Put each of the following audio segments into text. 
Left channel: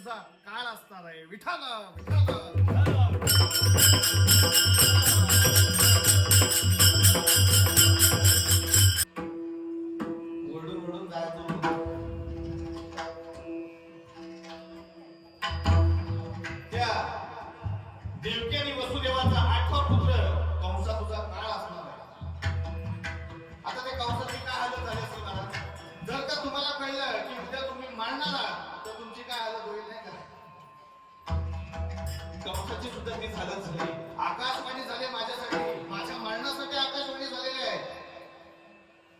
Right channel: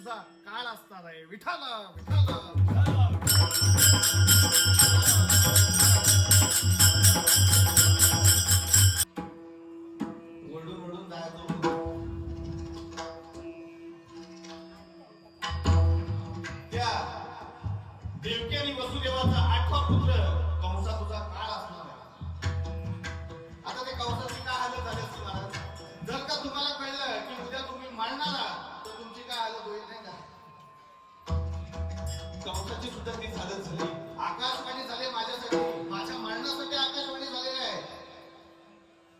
तुझा काळ असणार आहे. विठाल विठाल ओरडून ओरडून जायचो. त्या देवकी आणि वसुदेवाचा 8वा पुत्र कंसा तुझा काळ असणार आहे. आता ते कंसाची काय हालत झाली असती महाराज? जर का तुम्हाला कळलं की उद्या तुम्ही मारणार आहात तर तुमची काय हालत होईल नाही का? कंसाची सुद्धा ती हालत झाली. आकाशवाणी झाले माझ्यासाठी, माझ्या मरणासाठी आकाशवाणी झालेली आहे.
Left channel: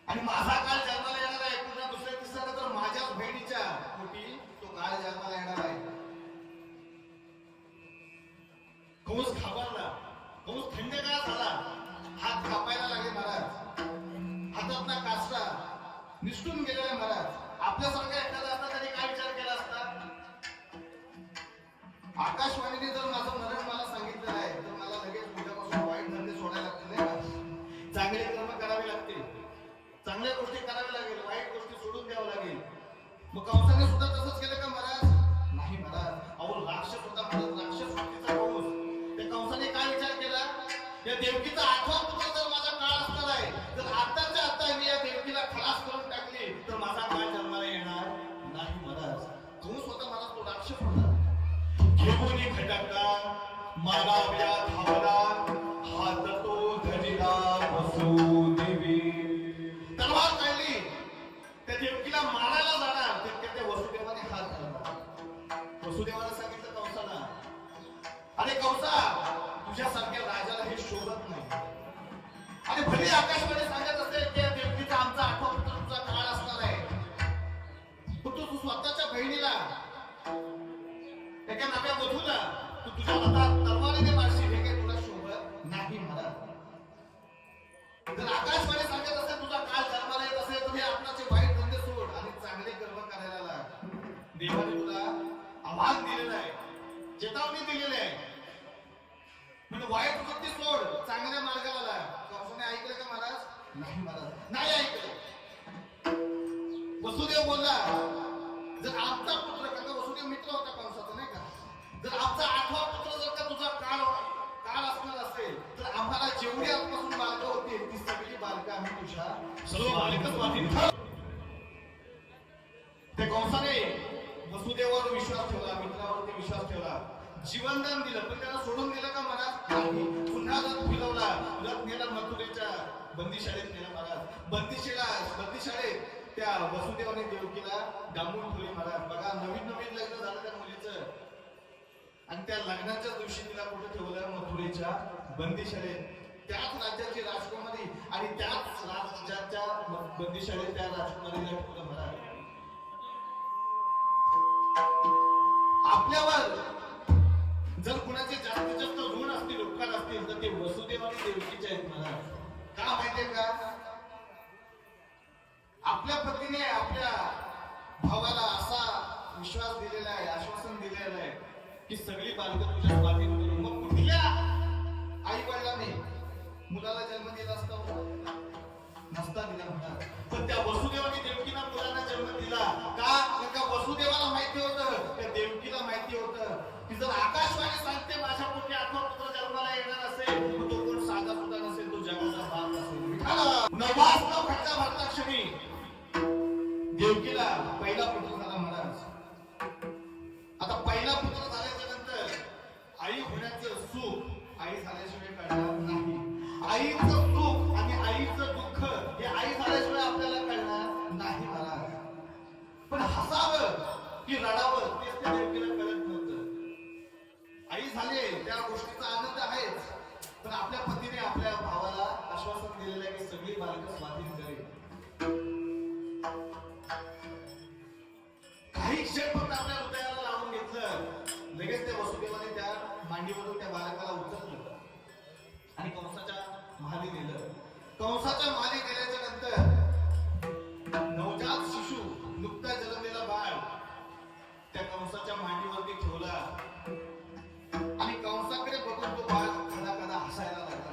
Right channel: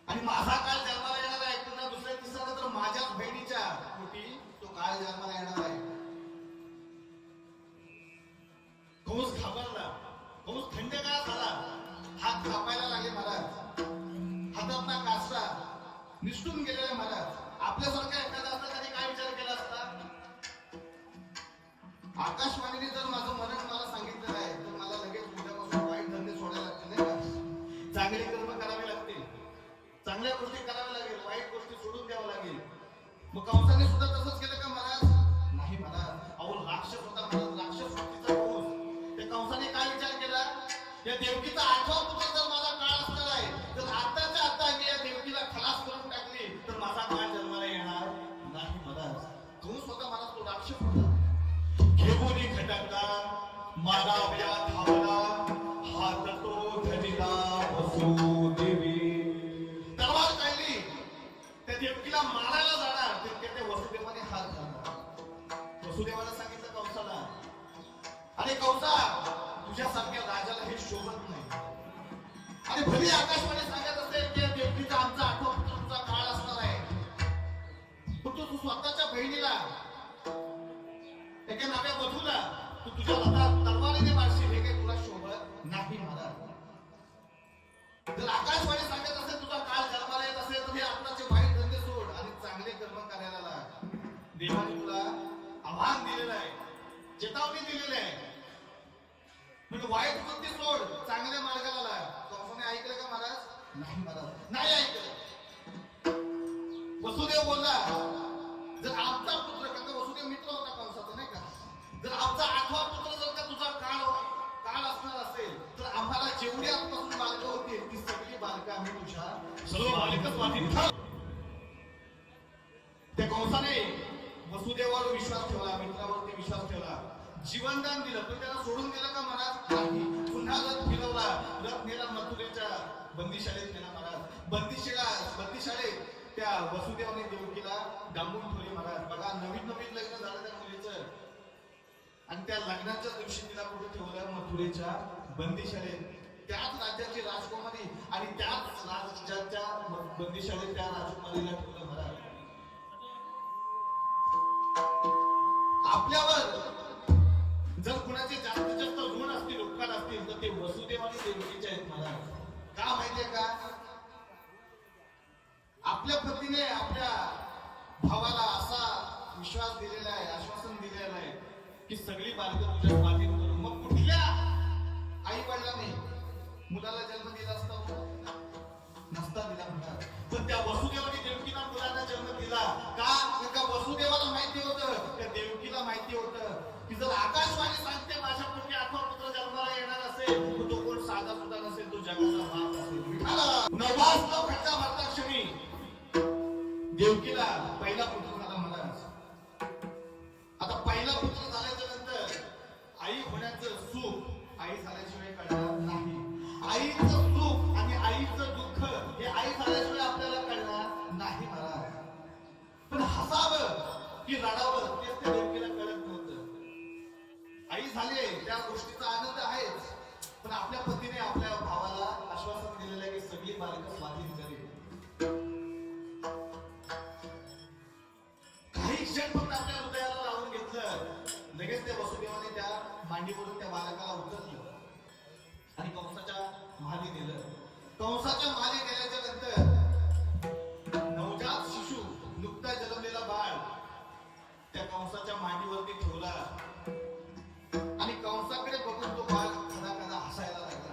आणि माझा काळ जन्माला येणार आहे. पुन्हा दुसऱ्या तिसऱ्या तर माझ्याच बहिणीच्या पोटी तो काळ जन्माला येणार आहे. कंस घाबरला. कंस थंडगार झाला. हात कापायला लागले महाराज. हातातला कासरा निसटून गेलेला महाराज. आपल्यासारखा एखादा असता तरी काय विचार केला असता? आकाशवाणीने जर माझं मरण मला सांगितलेलं आहे तर मला लगेच उद्यापासून वाईट धंदे सोडायला लागतील नाही का? चांगले कर्म करावे लागतील, चांगल्या गोष्टी कराव्या लागेल, वाईट गोष्टी सोडून द्यावं लागेल. मग कंसाने सुद्धा तसंच केलं का महाराज? नाही महाराज. अहो राक्षस होता महाराज, राक्षस शक्तीचा कंस. त्या कंसाने काय विचार केला? या देवकीचा 8वा पुत्र जर माझा काळ असणार आहे तर आताच्या आता मी या देवकीला खलास करून टाकली तर माझा काळ जन्माला येणार नाही महाराज. कंस होता महाराज, तो राक्षस होता. घेऊनी खटकला मागाव्या धावला, हात तो धरिला वसुदेवी. तलवार काढली, त्या देवकीला मारायला जाणार तितके त्या वसुदेवाने हात धरला. वसुदेवाने सांगितलं कंसाला, अरे कंसा, तुझ्यासारख्या राजाला हे शोभत नाही. आणि भले आकाशवाणी सांगत असेल की देवकीचा आमचा 8वा पुत्र तुझा काळ असणार आहे, पण तू स्वतःच्या बहिणीला, एका नव्या वधूला तू तुझ्या हातात तलवारीने मारशील, हे काही तुला शोभत नाही महाराज. जर आकाशवाणी सांगत असेल तुझा काळ जन्माला येत असेल तर हे आत्ताचे वाईट धंदे सोड आणि चांगले कर्म करायला लाग. देवाने तुला आव्हान दिलेलं आहे, चेतावणी दिलेली आहे. म्हणजे वाईट वृत्ती सोड, चांगल्या मार्गाला लाग. कंसाने ऐकलं का महाराज? नाही महाराज, नाही ऐकलं. वसुदेव बोलला, जर आमचा पुत्र, कारण वसुदेव मित्र होता कंसाचा नाही का, जर आमचा 8वा पुत्र जर का तुझा काळ असणार असेल तर आम्हाला जेवढी आजपासून बालकं होतील ती सगळी बालकं आम्ही तुझ्या सर्व बालकच वाटेल. त्या कंसाने वसुदेवावर विश्वास ठेवला, मित्रावरती विश्वास ठेवला, जीवनदान दिलं, पण त्याला सोडून दिलं का महाराज? नाही. पुन्हा रथ फिरवला, रथ नेला मथुरेच्या बंदीशाळेत नेला महाराज. बंदीशाळेत त्या वसुदेवाने देवकीला डांबून ठेवली महाराज. बघा, नवीन लग्न झालं त्या मुलीचं आणि त्या लग्नाच्याच दिवशी तिला कुठे ठेवलं? मथुरेच्या बंदीशाळेत. त्याच राज्याची राजकुमारी आणि त्याच राज्याच्या बंदीशाळेत त्या राजकुमारीला ठेवलं महाराज. आपल्यावर जर कुणाचे जास्तीत जास्त ऋण असतील, उपकार असतील तर ते वसुदेव आणि देवकीचे आहेत महाराज. का माहितीये का? आपल्या पतीने आपल्या भावाला असा विश्वास दिलेला आहे, आश्वासन दिलेलं आहे की सगळी बालकं तुझ्या स्वाधीन करू. मग कुठल्या आई वडिलांनी मुलाला जन्म दिला असता? नसता दिला म्हणतात. पण त्या वसुदेवाने देवकीला मुलांना जन्म दिला का? त्या वसुदेवाला माहिती होतं, त्या देवकीला माहिती होतं की जर आकाशवाणी सांगते माझ्या पोटी 8वा पुत्र जन्माला येणार असेल तो कोण साधा सुद्धा नसेल, तो जगाचा बाप असेल. नवास खट्टा भरता क्षणी देवकीला पहिला पुत्र झाला महाराज. आता पहिला पुत्र झाल्याच्या नंतर आई होण्याचं सुख आई झाल्याशिवाय कळणार नाही. आईचं सुख आणि आईचं दुःख हे आई झाल्याशिवाय आपल्याला कळणार नाही महाराज. पण हसावं की रडावं तेच त्या देवकीला कळत नव्हतं. आई झाले त्या गोष्टीचा आनंद आहेच, पण आपल्या पतीने आपल्या भावाला आश्वासन दिलेलं आहे की सगळी बालकं स्वाधीन करेल. काही क्षण फक्त आपल्या हृदयाला लावून घेतलं, लगेच त्या वसुदेवाने त्या मांडीवरून त्या बालकाला उचललं आणि कंसाच्या महाली नेलं. कंसाच्या महाली नेल्याच्या नंतर नवजात शिशु, नुकता जन्मलेला बाळ त्या कंसाच्या मांडीवरती ठेवला आणि कंसाकडे बघून तो बाळ कदा हसायला लागला.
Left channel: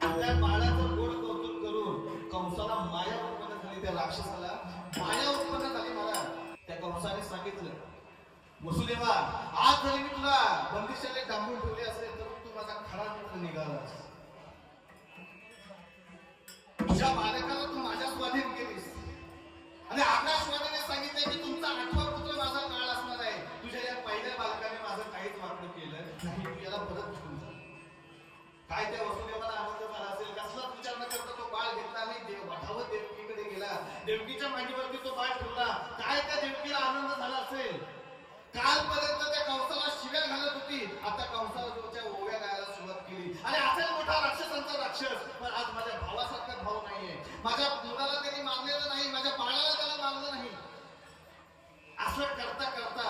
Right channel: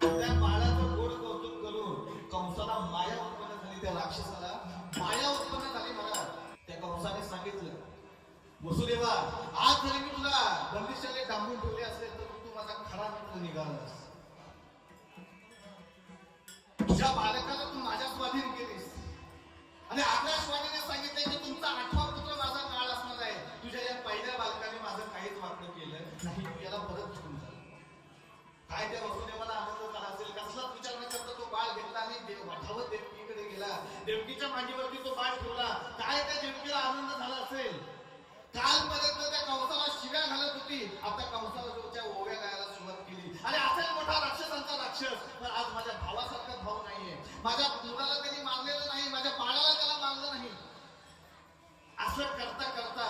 त्या बाळाचं गोड कौतुक करून कंसाला माया उत्पन्न झाली, त्या राक्षसाला माया उत्पन्न झाली महाराज. त्या कंसाने सांगितलं वसुदेवा, आज जरी मी तुला बंदिशाने डांबून ठेवले असेल तर तू माझा खरा मित्र निघालास. तुझ्या बालकाला तू माझ्या स्वाधीन केलीस आणि आकाशवाणीने सांगितले की तुमचा 8वा पुत्र माझा काळ असणार आहे. तुझ्या या पहिल्या बालकाने माझं काहीच वाटलं केलं नाही. तू याला परत घेऊन जा. काय त्या वसुदेवाला आनंद झाला असेल. कसलाच विचार न करता तो बाळ घेतला आणि देवाधावत देवकीकडे गेला. देवकीच्या मांडीवरती तो बाळ ठेवला. काय त्या देवकीला आनंद झाला असेल. कालपर्यंत त्या कंसाला शिव्या घालत होती, आता कंसाला जोच्या ओव्या गायला सुरुवात केली. आणि असेल मोठा राक्षसांचा राक्षस, पण आज माझ्या भावासारखा भाऊ नाहीये. माझ्या मुलाला त्यांनी मानलेलं नाही, माझ्या बाळाला त्याला मानलं नाही. असं करता करता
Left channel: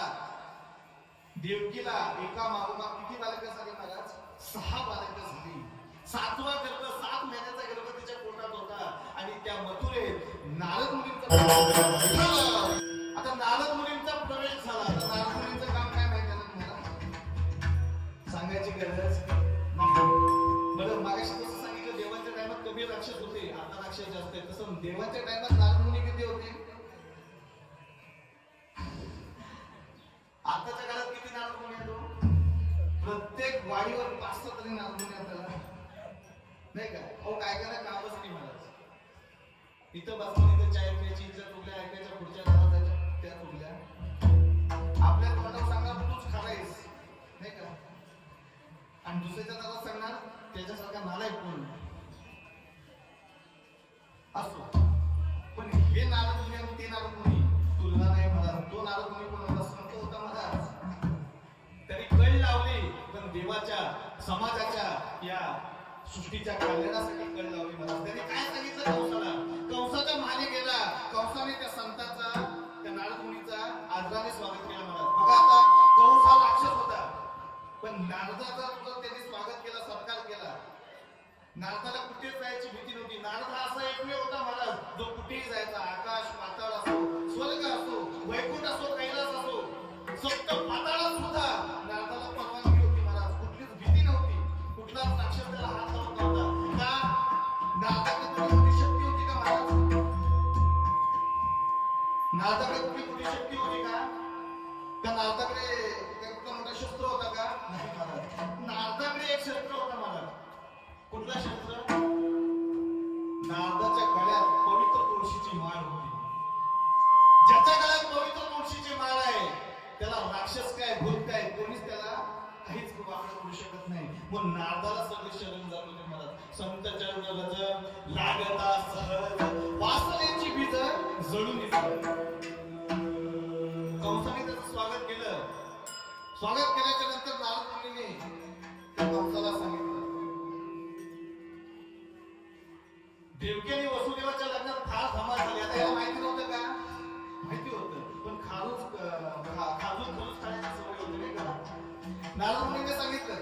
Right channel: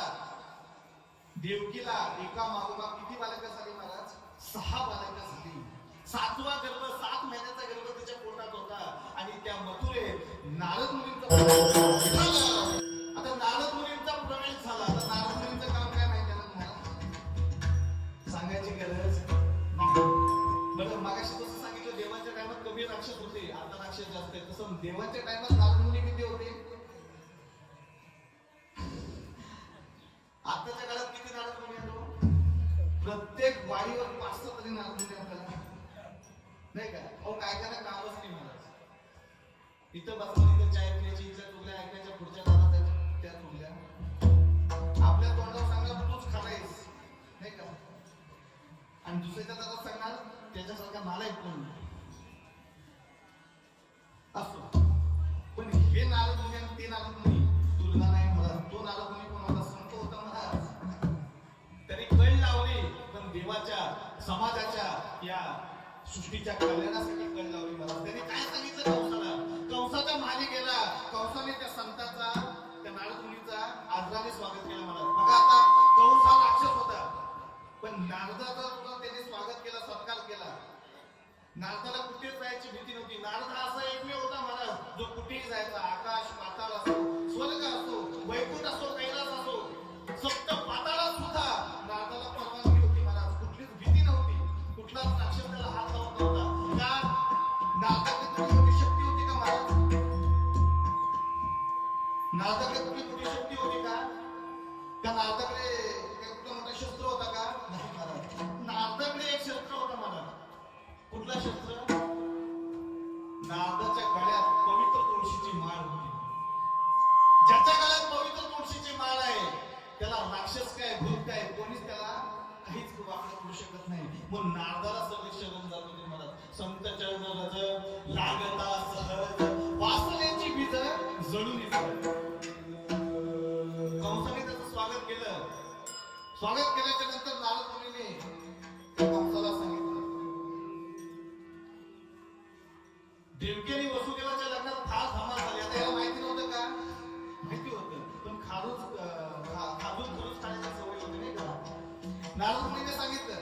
देवकीला एका मागोमाग किती बालकं झाली महाराज? 6 बालकं झाली. 7वा गर्भ, 7 महिन्याचा गर्भ तिच्या पोटात होता. आणि त्या मथुरेत नारद मुनींचा आता नारद मुनींचा प्रवेश झाला. आता नारद मुनींचं काम काय माहिती आहे तुम्हाला? सांगायची गरज नाही. बरं, मागाशी तसं सांगितलं देवांच्या टायमात कमी राक्षस होते, आता राक्षस जास्त आहे. तसं देवांच्या टायमात नारद मुनी किती होते? आताच्या काळात किती नारद मुनी आहेत? प्रत्येक वाडीवर 5 तरी नारद मुनी आपल्याला नाही का? अहो काय काय कामच नाही महाराज. इथं बसून इथं चाय प्यायची, इथल्या चुकल्या ऐकायच्या, पुढच्या दारात त्या चुकल्या. आपल्या तोंडावर सांगणार तूच खालायस नाही का, आणि दुसऱ्याच्या दारात सांगणार त्याच्यासारखा नालायक कोण असो. पण हे नारद मुनी आणि ते नारद मुनी तुलना नाही महाराज. तो नारद मुनी पण होता, संत होता महाराज. तरी कळ लावली, पण देवाच्या समाजाच्या या सृष्टीच्या कल्याणासाठी कळ लावली महाराज. त्यांनी काय सांगितलं कंसाला? कंसाच्या मागे गेला. कंसाने त्या संताचा, त्या नारद मुनीचा आदराने स्वागत केलं महाराज. बघा आता कंस हा राक्षस होता, पण नारदाचा सुद्धा त्यांनी स्वागत केला, सत्कार केला. नारदाला कुठेच जायची भीती नव्हती. नारद हा असा एकमेव होता महाराज जो कुठेही जायचा. आकाश पाताळ असो, स्वर्ग असो, वैकुंठ असो, कैलास असो, सप्त पाताळात सुद्धा नारदाला परवानगी होती महाराज. कुठलीच भीती नव्हती. कुठलाच राक्षस त्याला हात लावत नव्हता. का? नारदाकडे थोडी मोठी शक्ती होती का महाराज? नारदाकडे कुठली मोठी शक्ती होती का? का नारदाकडे कुठला मोठा शस्त्र होता का? नाही महाराज. नारदाकडे एक शस्त्र होता महाराज. कुठला शस्त्र? नारदाच्या गळ्यात पवित्र तुळशीची माळ होती. ज्याच्या गळ्यात पवित्र तुळशीची माळ आहे त्याला राक्षस काय, भूत काय, कोणीच त्याला काहीच वापरू करू शकत नाही. मग नारदाला सगळे शरण जात होते महाराज. संत चरण रज लागता सहज, वासनेची बीज जळून येतात. कंसाने त्याचं स्वागत केलं. स्वागत केल्याच्या नंतर नारद मुनीने त्या कंसाला सांगितलं, देवकीने वसुदेवाच्या लग्नात फार धमाल झाली. आता याला माहिती नव्हतं का? माहिती होतं, पण खाजून खरूच खाण्याची सवय होती नाही का? नारद मुनीने सांगितलं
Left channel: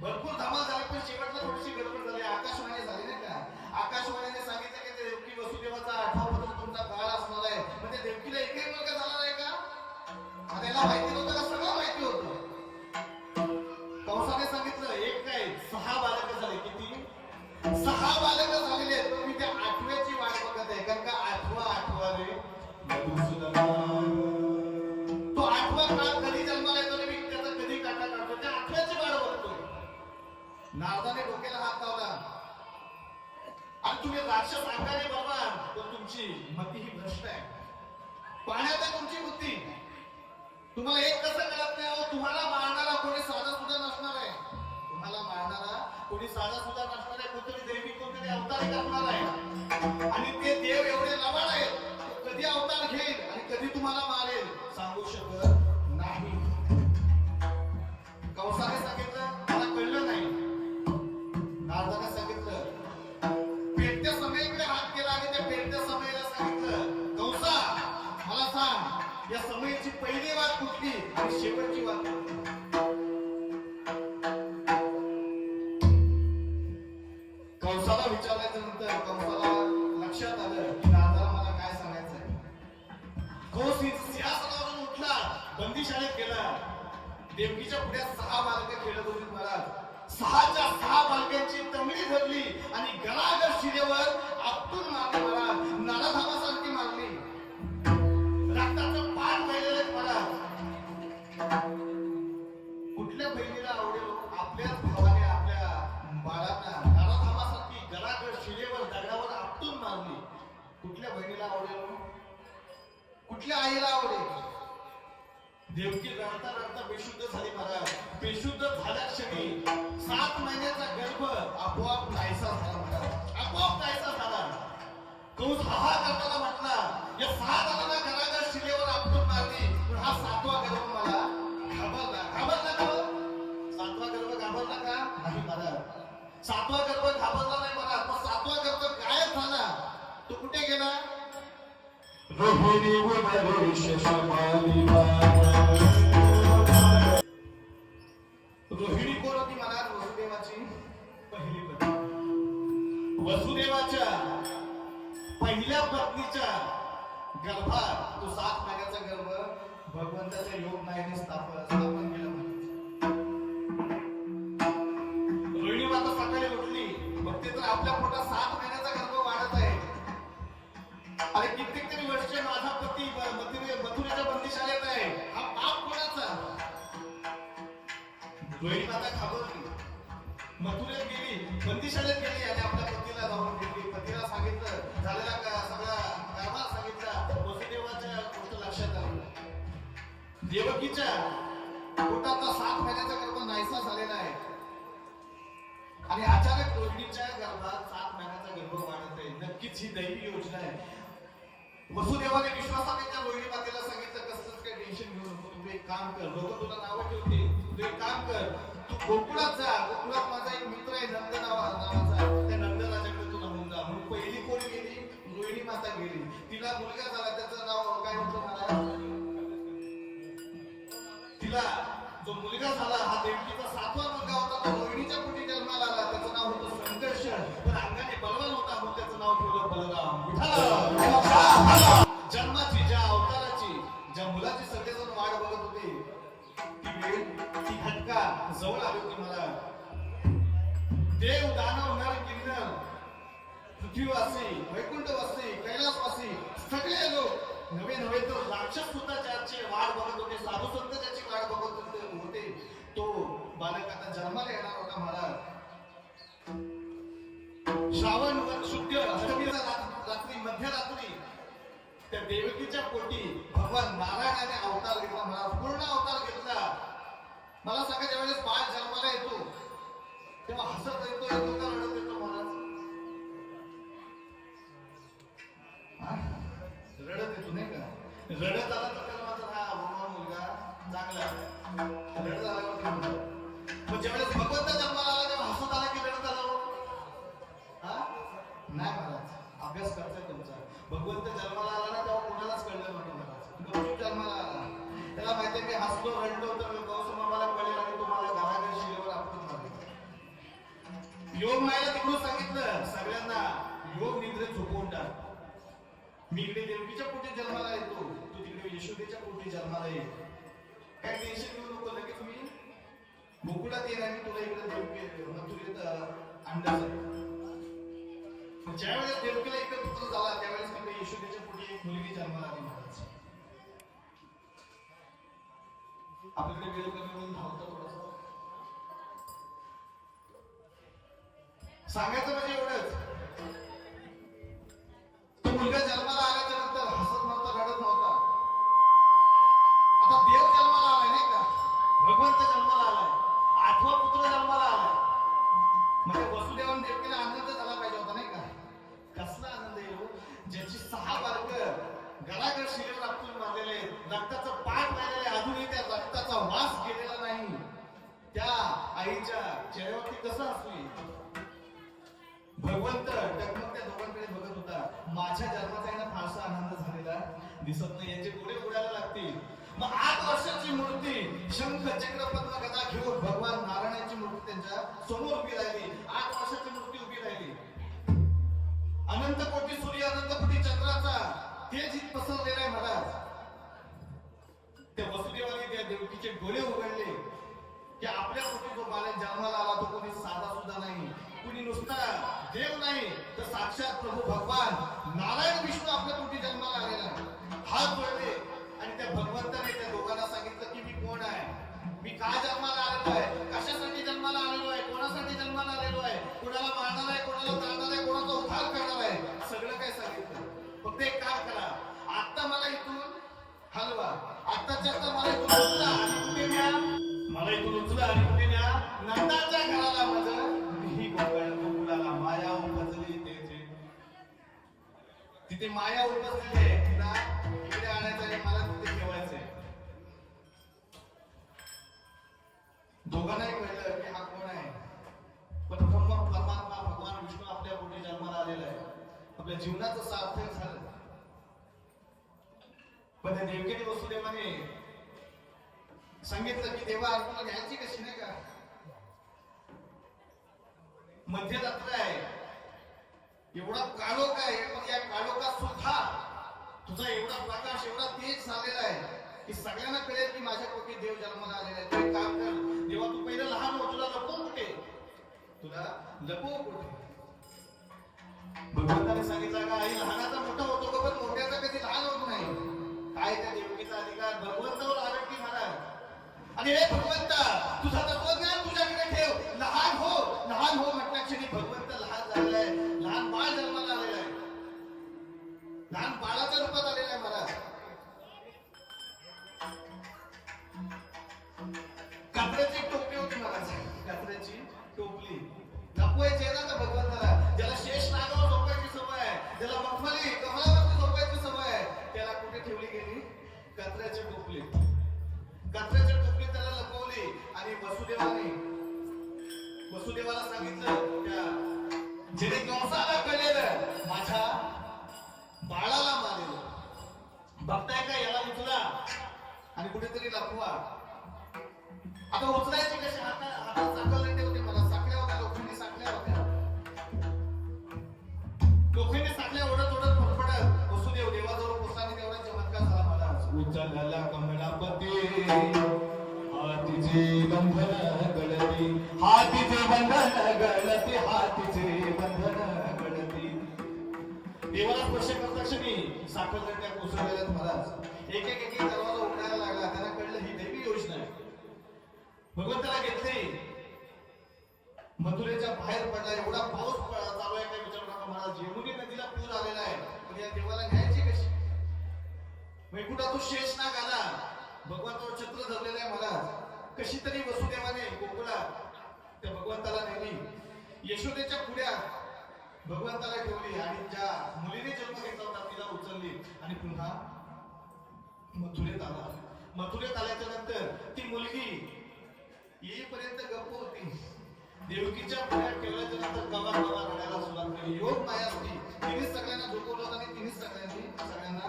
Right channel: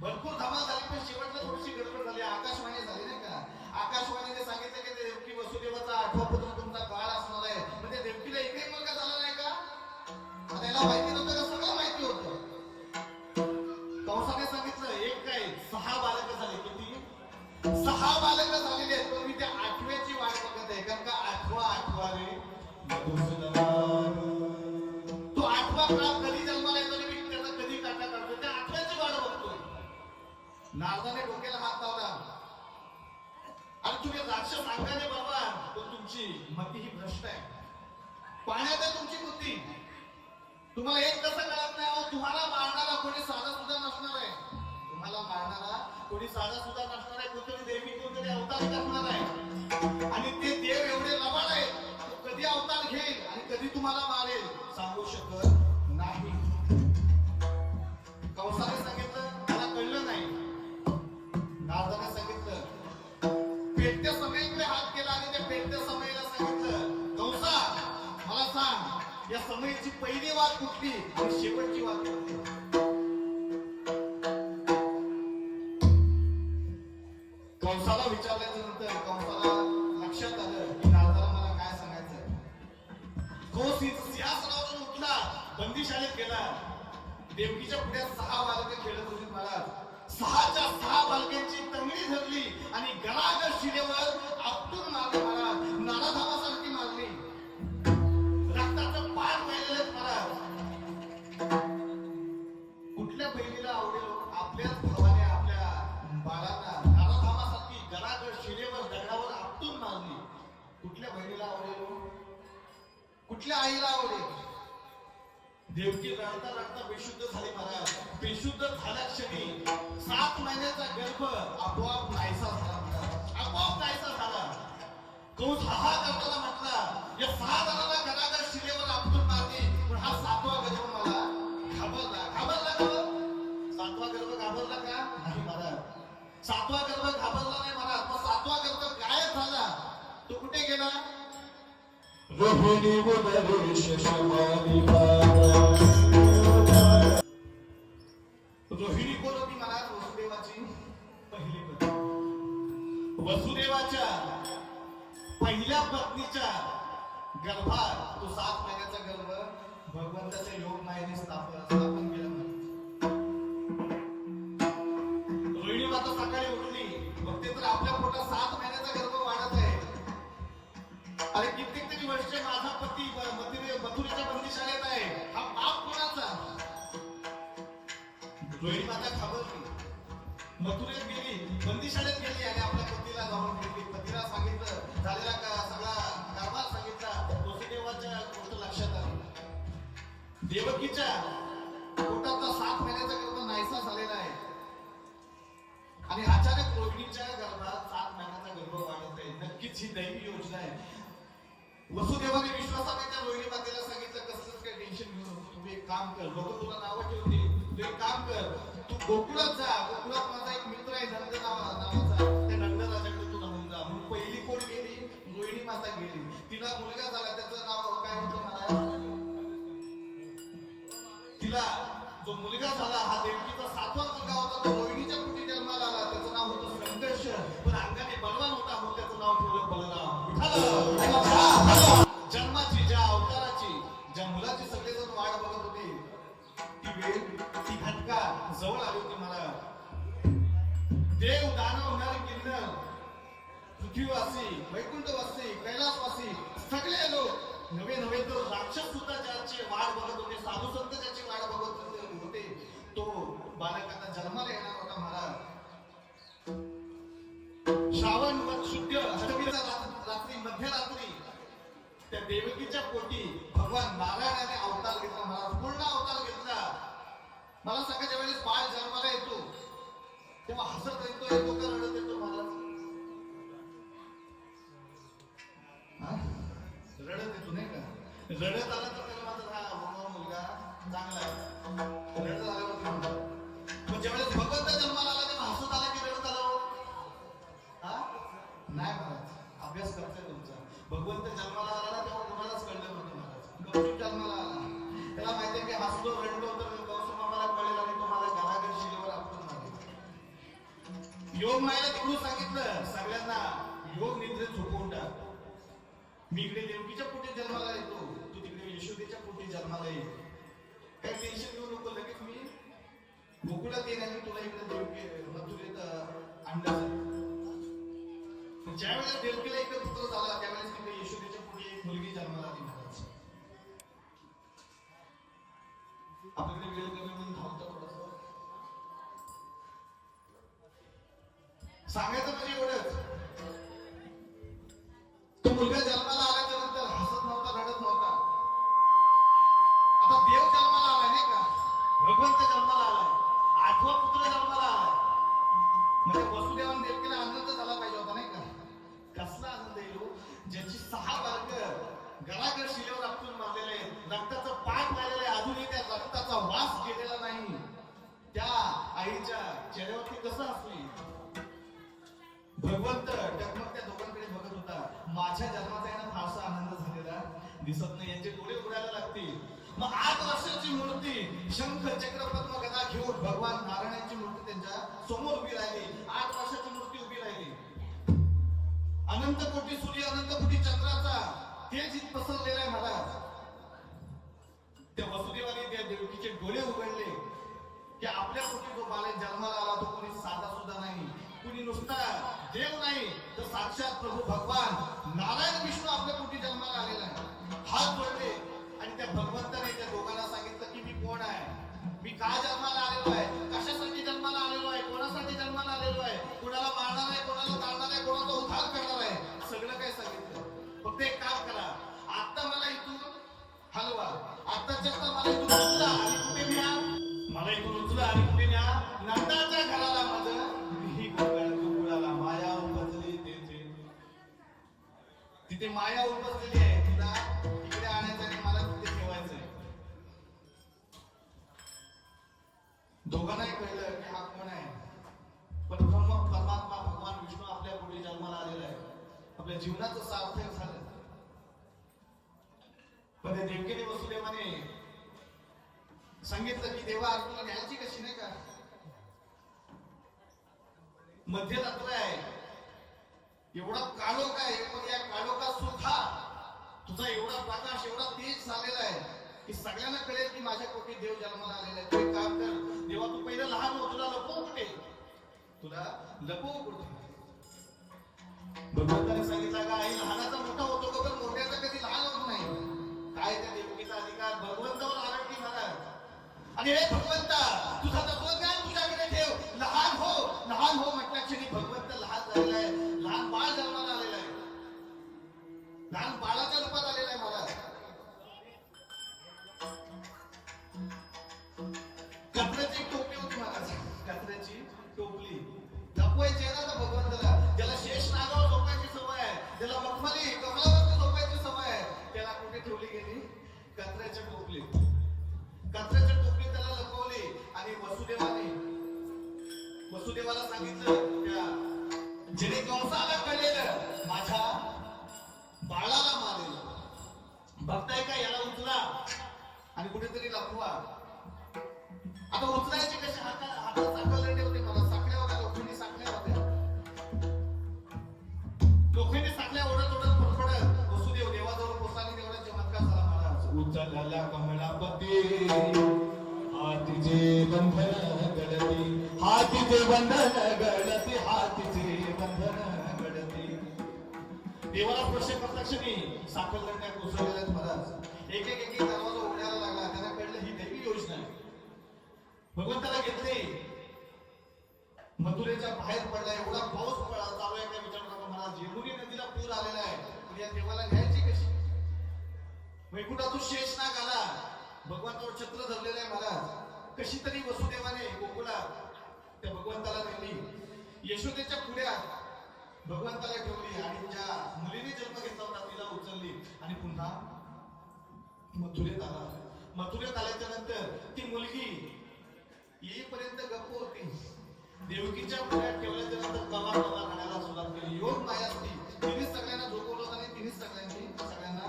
भरपूर धमाल झाली, पण शेवटला थोडीशी गडबड झाली. आकाशवाणी झाली नाही का? आकाशवाणीने सांगितलं की देवकी वसुदेवाचा 8वा पुत्र तुमचा काळ असणार आहे. म्हणजे देवकीला एकही मुलगा झाला नाही का? आता याला माहिती नव्हतं का? सगळं माहिती होतं. कंसाने सांगितलं एक काय 6 बालकं झाले. किती? 6 बालकं झालेली आहेत. पण मी त्या 8व्याची वाट बघत आहे. कारण का 8वा रे तो 8वा काळ कधी जन्माला येतो मी त्याचा कधी काटा काढतो. त्या 8व्याची वाट बघतोय. नारदाने डोक्याला हात लावला, आणि तुम्ही राक्षस अंगाने बाबा, पण तुमची मती ही भ्रष्ट आहे. पाण्यात आहे तुमची बुद्धी. तुम्हाला एक कसं कळत नाही? तुम्हाला मारणारा कोणी साधा सुद्धा नसणार आहे. तुम्हाला मारणारा कोणी साधा सुद्धा नसणार आहे. कोणतरी देवी, कोणतरी अवतारी करणार आहे. आणि ते देव एवढे लबाड आहेत, कधी अवतार घेईल आणि कधी तुम्हाला मारेल सांगू शकत नाही. कंसाने सांगितलं मला कळलं नाही. नारदाने सांगितलं, पेटत्या समयेकडे हात केला आणि त्या पेटत्या समयेला सांगितलं, कंसा मला सांग या समयेची पहिली वाट कुठली आणि शेवटची वाट कुठली? कंसाला विचारल्याच्या नंतर कंसाला लक्षात आलं की नारदाला मला काय सांगायचं. कंस सिंहासनावरून उठला, बंदीशाळेत गेला. देवकीच्या पुढे 6 बालकं खेळत होती महाराज. 6च्या 6 बालकांची तंगडी धरली आणि गळागळ शिरेवर आपटून मारली महाराज. नारदावासारखी मारली. रक्ताचं पान वाहिलेलं महाराज. आपल्याच भावाने आपल्या बाळांना गालाथामासारखी गडागड शिलेवर दगडावर आपटून मारली. कुठल्या बहिणीला आवडेल? कुठल्या आईला आवडेल? देवकी रडता रडता बेशुद्ध झाली महाराज. बेशुद्ध झाल्या क्षणी 7 महिन्याचा गर्भ आपोआप नाहीसा झाला महाराज. आपोआप नाहीसा झाला. कंस हा करताना म्हटला, या 6 जणांना गडागड शिलेवर आपटून मारली, पण हा 7वा गर्भ मला घाबरला. घाबरला का? 7वा गर्भ घाबरला का? नाही महाराज. 7वा गर्भ घाबरला नाही महाराज. मग 7वा गर्भ गायब झाला. तो कुठे गेला? रोहिणी वनरेश शमाली रोहिणी कोण होती महाराज? वसुदेवाची पहिली पत्नी. वसुदेवाच्या पहिल्या पत्नीच्या गर्भात तो 7 महिन्याचा गर्भ भगवंताच्या योग मायेने स्थापन केला. रोहिणी माता सकाळी उठली, बघते तर आपल्या पोटात 7 महिन्याचा गर्भ वाढत आहे. आणि कित्येक तरी वर्ष माझा पती मथुरेच्या बंदिशाळेत आहे. हा पाप कोणाचा? रोहिणी माता घाबरली, मथुरेत गेली, बंदिशाळेत गेली आणि आपल्या पतीला जाऊन भेटली. पतीला सांगितलं, झालेला का सगळा कारभार सांगितला. वसुदेवाच्या गोष्ट लक्षात आली. देवकीच्या पोटाचा 7 महिन्याचा गर्भ नाहीसा झालेला आहे आणि अचानक रोहिणीच्या गर्भात 7 महिन्याचा गर्भ वाढत आहे. नक्कीच ही दैवी योजना आहे. वसुदेवाने विश्वासाने त्या रोहिणी मातेला सांगितलं, कसलंच काही टेन्शन घेऊ नको. तू एक काम कर, लोक तुला नावं ठेवते, तू एक काम कर, तू गोकुळात जा. गोकुळात माझा एक मित्र आहे नंद नावाचा, त्या नंदराजाकडे तू राहून जा. मग पहिली कोण गेली? रोहिणी माता गेली. तिला मुलगा झाला. त्याचं नाव काय होतं मला? तिला जो मुलगा झाला हा देवकीचा 7वा मुलगा होता. तो रोहिणीच्या पोटी जन्माला आला. त्याचं नाव होतं संघर्ष. पण अंगाने बलवान होता म्हणून त्याचं नाव ठेवलं बलराम. जन्माची, ज्या अवताराची, ज्या मुलाची सगळेजण वाट बघत होते, ती वेळ, ती घटका जवळ आली होती. मला देव, दानव, नर, किन्नर, पृथ्वीवासी, वैकुंठवासी, कैलासवासी सगळे लोक, नवे नवे तर राक्षस सुद्धा ज्याची वाट बघत होते, साधू संत ज्याची वाट बघत होते, तो बालक आता जन्माला येणार होता महाराज. श्रावण वद शुद्ध अष्टमीला रात्री, मध्यरात्री त्या देवकीच्या पोटी भगवान नारायणाने अवतार घेतला महाराज. पूर्ण अवतार घेतला. मला सांगा, ज्या वेळेस बाळ जन्माला येतो तेव्हा हसत येतो का रडत येतो महाराज? रडत येतो नाही का? रडत आला तर त्याला मात्र हा मुलगा चांगला आहे. रडत आल्यावर पण ज्यावेळेस भगवंत जन्माला आला तेव्हा हसत आला की रडत आला? नाही महाराज, अभ्यास करताय तुमचा. भगवंत जन्माला आला ना तेव्हा कुणालाच कळलं नव्हतं महाराज. गौतम जन्माला आला, त्याला माहितीये की हसलो रडलो तर गौतम मामाला कळेल आणि तुम्हाला घराघर शिलेवर आपटून मारले. योग मायेला तिकडून सांगितलं सगळ्यांना, योग निद्रेत झोपवून टाक. मी इकडे देवकीच्या पोटी जन्माला येतो, तू तिकडे यशोदेच्या पोटी जन्माला ये. काय टेन्शन घेऊ नको, लगेच मी गोकुळात येणार की तुला इकडे देवकी मथुरेत आणण्यासाठी. ज्या वेळेस देवकीला इकडे पुत्र झाला त्यावेळेस तिकडे यशोदेच्या पोटी एक मुलगी जन्माला आली महाराज. आपल्याकडे वेळ कमी म्हणून धावतं थोडंसं. सांगायचं म्हणजे एवढंच, तो मुलगा जन्माला आल्याच्या नंतर हसत नव्हता, रडत नव्हता. आता देव जन्माला आलाय नाही का? भगवंत जन्माला आलाय, 8वा पुत्र जन्माला आलाय. म्हणजे वसुदेवान देवकीला आनंद झाला पाहिजे होता नाही का? कसला आनंद येईल? ज्याची 6 बालक गडागड शिलेवर आपटून मारलेले आहेत, रक्ताचं पाठ राहिलेले, अजूनही त्या रक्ताचा वास गेलेला नाही, त्या आईच्या चेहऱ्यावरती कसं असली? भगवंत टकमक त्या दोघांकडे बघत होता. माझ्या जन्माचा यांना फारसा आनंद झालेला दिसत नाही, यांचे डोळे उडायला लागतील. मग 8 वर्षाची मूर्ती, शंख चक्र पद्म गदा घेऊन भगवान नारायणाची मूर्ती त्यांच्या समोर उभी राहिली. 8 वर्षाची मूर्ती उभी राहिली. अनंत कोटी सूर्य, अनंत कोटी चंद्राचा तेज इथं पसरलेला आहे महाराज. त्या वसुदेवाने त्या देवकीचे डोळे उघडले की आपल्या पोटी जो बालक जन्माला आला तो कोणी साधा सुद्धा नाही, कुणी नुसता देव नाही तर साक्षात प्रभू भगवान नारायण विष्णू आपल्या पोटी जन्माला आलेला आहे. हात जोडले आणि त्या भगवंताने त्या दोघांना सांगितलं की मी कोण आहे, मी काय जन्माला आलेलो आहे, कशासाठी जन्माला आलेलो निर्माण आलेलो आहे, कोणाला मारणार आहे, कोणाला ताणणार आहे, कोणाचा उद्धार करणार आहे, सगळं काही सांगितलं. फक्त एक काम करा, आता मला इथून हलवा, आत्ताच्या आता मला इथून उचला आणि कुठे न्या, मला इथून उचला आणि कुठे न्या, नंदाच्या घराला माझं मी गोकुळाला माया उपजली तिथे माया उपजलेली आहे, तुला इकडे आणायचं आहे, मला तिथे ठेवायचंय. दोघांनाही कळलं की हा कोण आहे, पण परमात्मा भगवान विष्णू आपल्या पोटी जन्माला आलेला आहे, आपल्या जीवनाचं सार्थक झालं. पण देवकीने वसुदेवाने सांगितलं की देवा तुला घ्यायची कशी, नाही का, मध्यरात्र आहे, एवढा काळोख आहे, पण या काळोखात सुद्धा तुझा एवढा प्रकाश, एवढा तेज झालेला आहे की सगळ्यांना कळेल की माझ्या पोटी देव जन्माला आलेला आहे. तू एक काम कर, देवा तू पहिलं लहान हो, तुला लपवू कुठे, तुला लपवू कुठे. भगवंताने सांगितलं का आई लहानाचा मोठा होतो का, पण मोठ्याचा कधी लहान होत नाही. काय त्या देवकीचा अधिकार भगवंतावर आला की महाराज. आणि हे भगवंता तुझा तत्वज्ञान तुझ्याकडे ठेव, लहान हो म्हटल्या क्षणी भगवंत लहान झालेला आहे, लहान बाळ जन्माला आलेला आहे, लहान बाळाच्या रूपात आलेला आहे महाराज. कचऱ्याची टोपली होती महाराज, कचऱ्याची टोपली लपवायची आहे ना भगवंताला. ज्याला शेष नागावर झोपायची सवय आहे, ज्याला मखमली कमलावरती झोपायची सवय आहे, त्याला कुठे ठेवली गेली, कचऱ्याच्या टोपलीत. कचऱ्याच्या टोपलीत त्याला लपवली आणि वसुदेवाला सांगितलं त्या जेणे कंसाला कळलेलं माझ्या बाळाला मारलेलं, बघताय का, याला उचला आणि कुठेतरी लपवा. आता उचलायचे कसे, हातात साखळदंडे होते, मला साखळ्या होत्या, लोखंडी साखळ्या होत्या, लोखंडी साखळ्या ओढत फडफडत वसुदेव देवाजवळ पोचला तेवढा चमत्कार झाला महाराज. उचलला कमलापती हातीचे बंधन गळती, हातीचे बंधन गळती, हातीचे बंधन गळती. देवाला स्पर्श करता क्षणी साखळदंड्या कोसळलेल्या महाराज. एक एक दरवाजा उघडायला लागला, त्याला कळलं ही दैवी योजना आहे. भगवंताला घेतले, मथुरेच्या बाहेर पडला, एवढा पाऊस चालू आहे काय विचारू नका महाराज. यमुनी नदीला पूर आलेला आहे, तर या देवाला घ्यायची कशी. वैकुंठातून शेष नाग आला, भगवंतावर छत्र धरलेलं आहे महाराज. कशी तरी वसुदेवाने गोकुळात त्या भगवंताला नेली, यशोदेच्या पुढ्यात भगवंताला ठेवली आणि ज्या मुलीने जन्म घेतला होता तिला उचलली आणि पुन्हा मथुरेत आला. मथुरेत आल्याच्या नंतर ती मुलगी येईपर्यंत गप्प होती. देवकीच्या पुढ्यात ठेवल्याच्या नंतर कवा रडायला सुरुवात केली. योग माया असती, तिनेच सगळ्यांना झोपवलं आणि तिनेच सगळ्यांना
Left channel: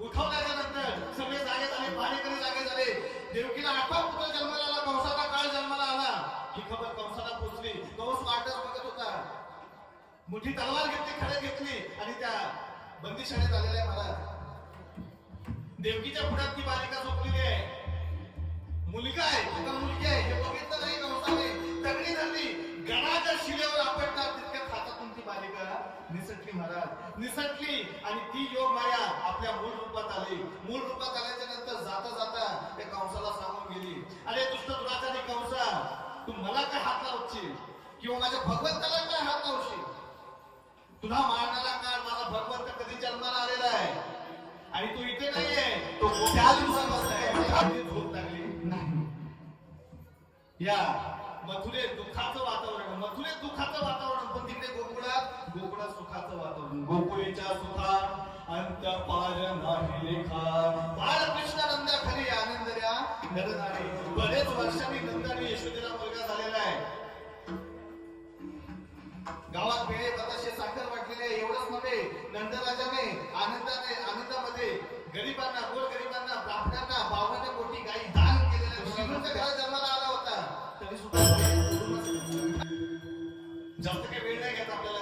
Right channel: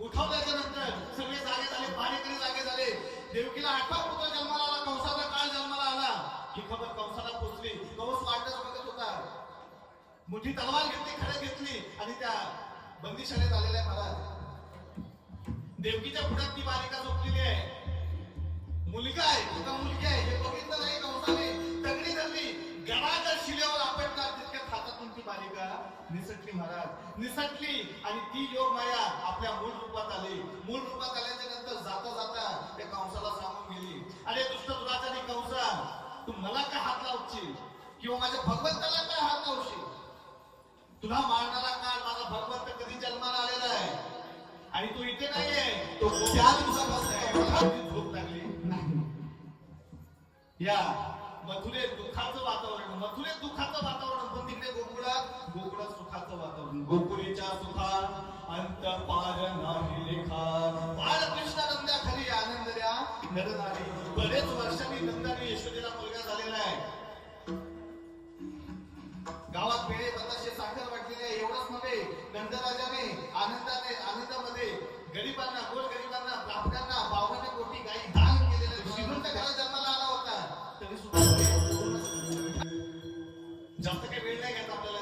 उठवल्याच्या नंतर सगळे जागे झाले, पाणीकडे जागे झाले. देवकीला 8वा पुत्र जन्माला आला, कंसाचा काळ जन्माला आला. ही खबर कंसाला पोचली, कंस वाटच बघत होता. मोठी तलवार घेतली, खडक घेतली आणि त्या बंदीशाळेत आलेल्या महाराज. देवकीच्या पुढ्यात ती बालिका झोपलेली आहे. मुलगा आहे का मुलगी आहे हे बघितलं नाही कंसाने. तगडी धरली, गडाच्या शिलेवर आपटणार तितक्यात हातातून ती बालिका निसटली महाराज, निसटली आणि ती योग माया आपल्या मूळ रूपात आली. मूळ रूपात आल्याच्या नंतर जाता जाता त्या कंसाला सांगून गेली, अरे दुष्ट दुराचारी कंसा, तू मला काय हात लावशील किंवा माझ्या भगवंताला काय हात लावशील. तुला मारणारा काळ माझा भगवंत कधी जन्माला आलेला आहे आणि तू इथे नाहीये, तो त्या दिवसापासून झोप लागली नाही. या मथुरेत दुःखाचं वातावरण, पण तिकडे गोकुळात सुखाचं वातावरण. गोकुळीच्या सुखात अंत पार नाही लेखा, बाळकृष्ण नंदा खरी आनंद द्या नरनारी. बरेच वर्षांनी नंदाने यशोदेला मुलगा झालेला आहे. गावात बेळे बताशे साखर वाटलेले आहे. एवढंच नव्हे, नंदराजाने आनंदामध्ये गरिबांना, गोरगरिबांना, ब्राह्मणांना 52 कोटी गायी दान केलेले. श्रीमंत घरात जन्माला आला होता तरी सुद्धा जास्त काही वेळ नाही घ्यायचा आपल्याला.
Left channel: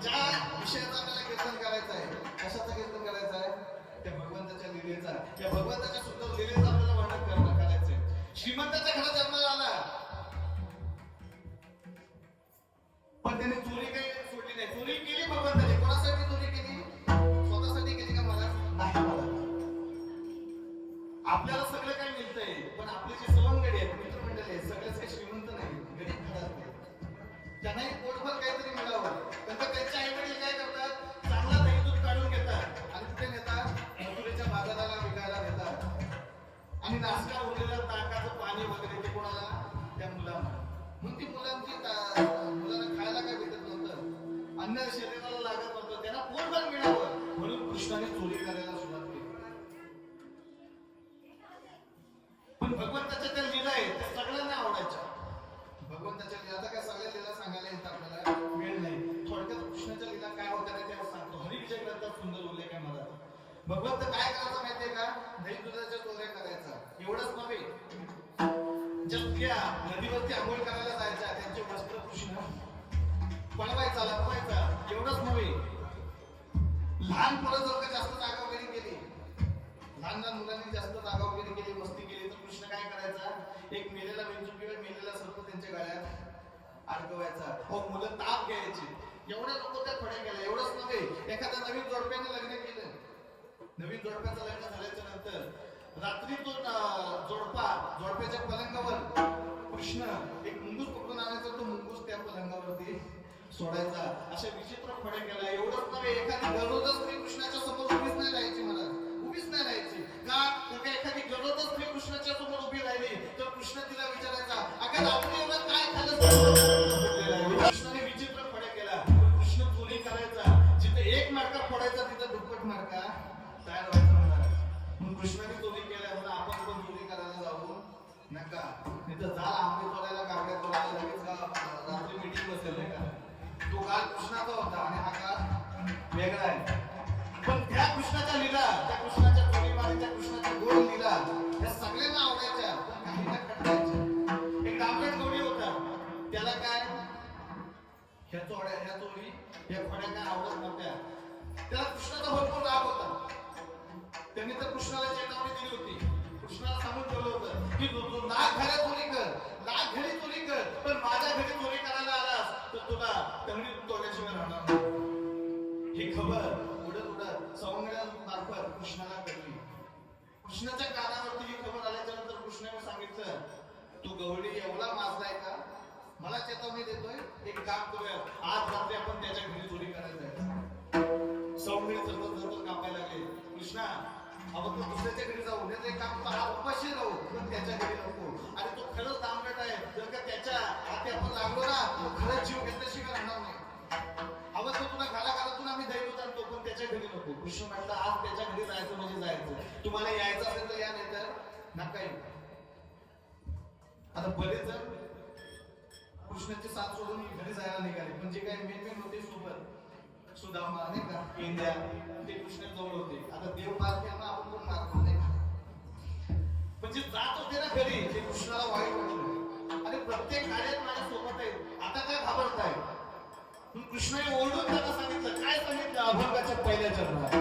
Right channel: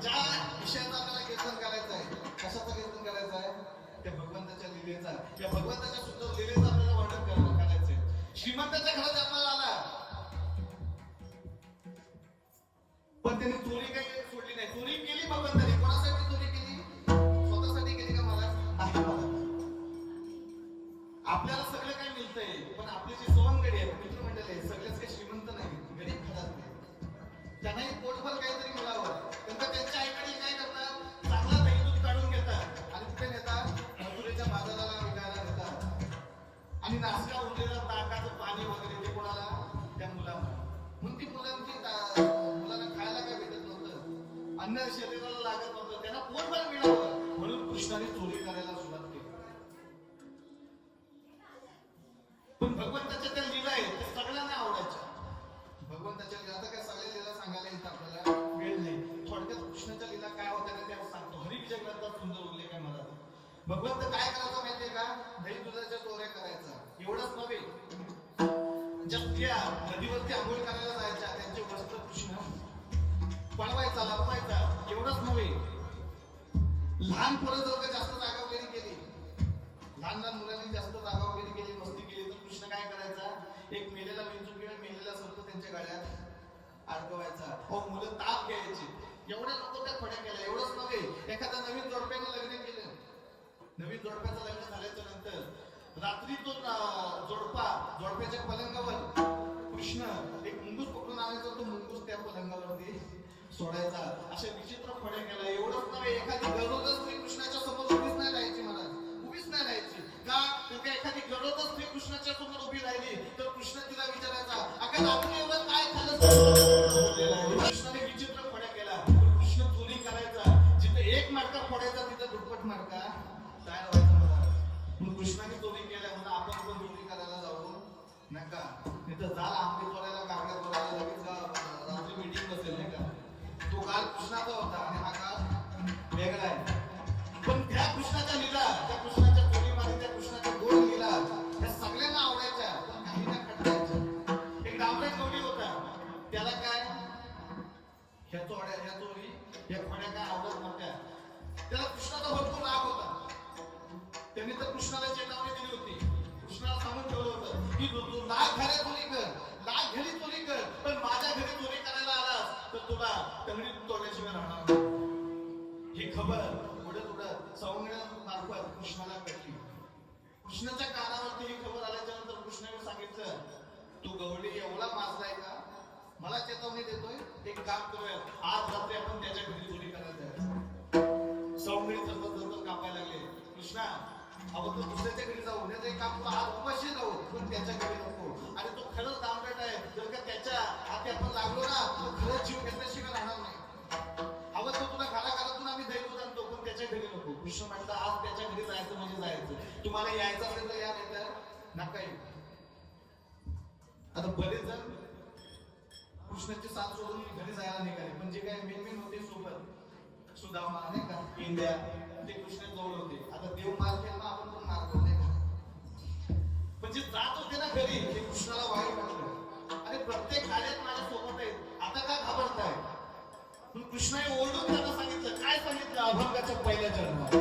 ज्या विषयाचं आपल्याला कीर्तन करायचं आहे, कशाचं कीर्तन करायचं आहे, त्या भगवंताच्या लीलेचा, त्या भगवंताच्या सुंदर लीलेचं आपल्याला वर्णन करायचंय. श्रीमंताच्या घरात जन्माला आला, पण त्यांनी चोरी काही सोडली नाही. चोरी केली भगवंताने. कोणासाठी चोरी केली? स्वतःसाठी केली का मला? नाही मला. आपल्याला सगळं काय मिळतंय, पण आपले जे सवंगडी आहेत, मित्रमंडळी आहेत, सगळेच काही श्रीमंत नाही, गरीब घरात. त्यांनाही पोटभर काहीतरी मिळावं. नंतर त्यांचे आई वडील काय करतात, चांगलं दही दूध काढून घेतात आणि कुठे नेतात, मथुरेच्या बाजाराला विकायला नेतात. आणि नासका उरलेलं ताकाचं पाणी वगैरे ते कोणाला, त्या मुलांना. म्हणून ती मुलांना खायला काय भेटत नव्हतं, अन्न शरीराला लागत नव्हतं, त्यांना पोटभर मिळावं म्हणून कृष्णाने चोरी करायला सुरुवात केली. पण भगवंताच्या त्या लीला आहेत त्या सगळ्यांना आवडायच्या. भगवंताच्या लीला आता काय सगळ्या लीला सांगायला येत आपल्याला वेळ नाही. थोडक्यात कृष्णाच्या लीला काय होत्या त्या सांगतो. हरिविजय ग्रंथात सुंदर उल्लेख आहे मला. भगवंत काय करायचं माहितीये का, दही दुधाच्या चोऱ्या करायचा. एवढंच नव्हे, ज्या स्त्रिया नदीवरती आंघोळ करायला जायच्या त्यांचे वस्त्र कृष्ण पळवायचा, लपवायचा. एवढंच नव्हे, लहान पोरं जर का जास्त जागावगिरी केली, लहान लहान मुलांनी जास्त जागावगिरी केली, मस्ती केली, तर कृष्ण काय करायचा, एक मेलेला विंचू किंवा मेलेला सर्प त्यांच्या गळ्यात अडकवायचा. हो, मुलं ताप घ्यायची. एवढ्या लोक त्या फड्या केल्या. एवढंच नव्हे, एखाद्या नवीन जोडप्याने लग्न केलं, नवीन जोडप्याचं लग्न झाल्याच्या नंतर रात्री तो जोडप्याच्या पलंगावर कृष्ण एक मुंगूस पकडून आणायचा, तो मुंगूस त्या पलंगावरती सोडायचा. अशा विचित्र फड्या केला. एवढंच नव्हे, एखादी गरोदर स्त्री कृष्णाच्या समोर उभीच नाही राहायची महाराज, उभीच नाही राहायची. का एखादी गरोदर स्त्री कृष्णाच्या समोर उभी राहिली तर कृष्ण तिला विचारायचा, अगं रात्री एवढं काय खाल्लं. कृष्णाने विचित्र फड्या केला. कृष्ण चोरी करायचा, जिथे एक मार्का फोडायचा तिथं दुप्पट मार्का तयार व्हायचा. कृष्णाने चोरी केल्या म्हणून आपण पण चोरी करायला जाऊ नका. तिथं जाल आंबे चोरायला, कागद चोरायला लगेच रात्री मीटिंग बसेल नाही का. तो काल कृष्णाचा होता आणि हा काल वेगळा आहे. पण त्या कृष्णाच्या लीला, त्या कृष्णाच्या चोरीमारी, त्या कृष्णाच्या गोड लीला या सगळ्यांना आवडायच्या, पण काहींना खटकायच्या. एक डांबरेट गवडी होता, त्याला काय ह्या चोरी या खोड्या काय आवडत नव्हत्या. त्याला कृष्णाचा भरपूर राग होता. त्यांनी तर कृष्णाला चेतावणी दिली होती, कृष्णाला सांगून ठेवलं होतं की तू लाख घरी चोरी कर, लाख घरी चोरी कर, पण माझ्या घरी चोरी करायला आलास तर तुला तंगडी तोडल्याशिवाय राहणार नाही. ही खबर उडत उडत सौंदर्यामार्फत कृष्णाला कळली. कृष्णाच्या कानावरती ही खबर आल्याच्या नंतर कृष्णाने सांगितलं, तू गवळी एवढा माजलाय का, मला चेतावणी देतोय, एक काम करूया, आज रात्री आपण त्याच्या घरी चोरी करायला जायचं. सौंदर्य जर कापायला लागले. कृष्णा, आपण तो दुसऱ्याच्या घरी जाऊ नये, ते काम आज उपाशी राहू, पण त्याच्या घरी नको. आणि तो खरंच दामगट आहे, जर का त्याच्या हाती आपण लागलो ना, तो खरंच जीव घेतल्याशिवाय राहणार नाही. हवं तर तुला घालातून आम्ही दही दूध आणतो, पण त्याच्या घरी नको. कृष्ण म्हटलं, आज त्याच्या घरी जायचं म्हणजे जायचं. तुम्हाला यायचं असेल तर या, नाही तर नका येऊ. आता बरेच जण कृष्णाची साथ सोडून घरी जायला निघाले, पण जे काही मेन होते सोबत सुदामा नाही का, इंद्या, ते कृष्ण जवळ होते. आता देव मार केला, आपण पण मारतो नाही का. पण जे जात होते ना घरी, ते कृष्णाला वाईट वाटलं. आणि प्रत्येक कार्यात माझ्या सोबत आहेत, आता काय घाबरताय. पण कृष्णाने ओरडून त्यांना सांगितलं, काय सांगितलं, अभंगाच्या पहिल्या चरणात,